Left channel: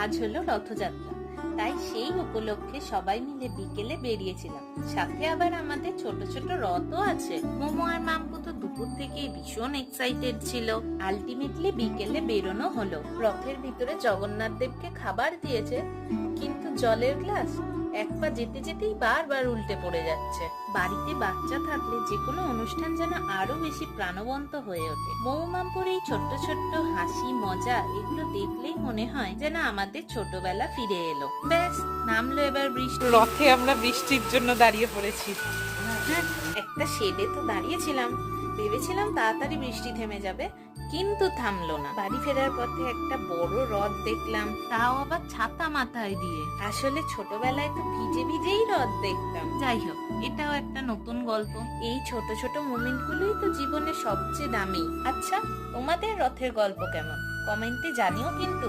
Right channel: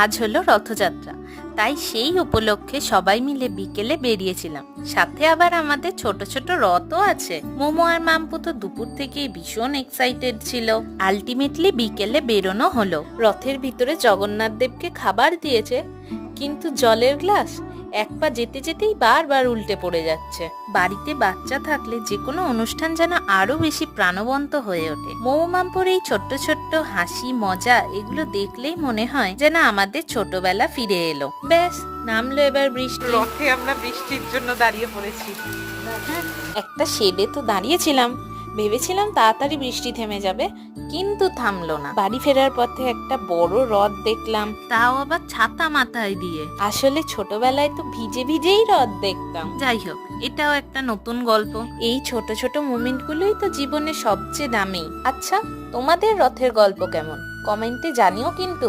আজ হলো রথযাত্রা, তাই সেই উপলক্ষে সবাই মিলে বিকেলে বেরিয়েছিলাম। সাথে আবার আমাদের ছোট ছোট রথও আছে। মোমো আর মাম্পু তো দুপুর থেকেই ভীষণ এক্সাইটেড ছিল। আলটিমেটলি বিকেলে বেরোনো হলো। রথের ভিতরে জগন্নাথ দেবকে খাবার দিয়েছে, কিন্তু জলের গ্লাস এক পা যেতে যেতেই বারবার উল্টে পড়ে যাচ্ছে। বাড়িতে বাচ্চা থাকলে যে কোনো অনুষ্ঠান যেন আরো বেশি প্রাণবন্ত হয়ে ওঠে। মোমো মাম্পুর এই ছোট্ট ছোট্ট হাসি মজা এগুলো দেখলেই মনে হয় যেন আমাদের ছোটবেলা ফিরে এলো। ব্যাস, নামলো এবার বৃষ্টি। রথে আমরা বৃষ্টির জন্য দাঁড়িয়ে পড়েছি। হ্যাঁ, একটা শেডে তো দাঁড়িয়েছিলাম, ভেবেছিলাম তাড়াতাড়ি বৃষ্টি থেমে যাবে, কিন্তু থামলো না। বাড়ি ফেরার পথে একটা বড় রথ দেখলাম, তাও আবার ছাতা মাথায় দিয়ে। আসলে ছোটবেলায় তো ভিজে ভিজেই রথ দেখতাম। যাই হোক, এটাও একটা নতুন গল্প। এই ছোট ছোট মোমেন্ট গুলোই তো জীবনের সবচেয়ে দামি। আচ্ছা, তোমাদের রথের গল্প কেমন? কমেন্টে জানিও কিন্তু।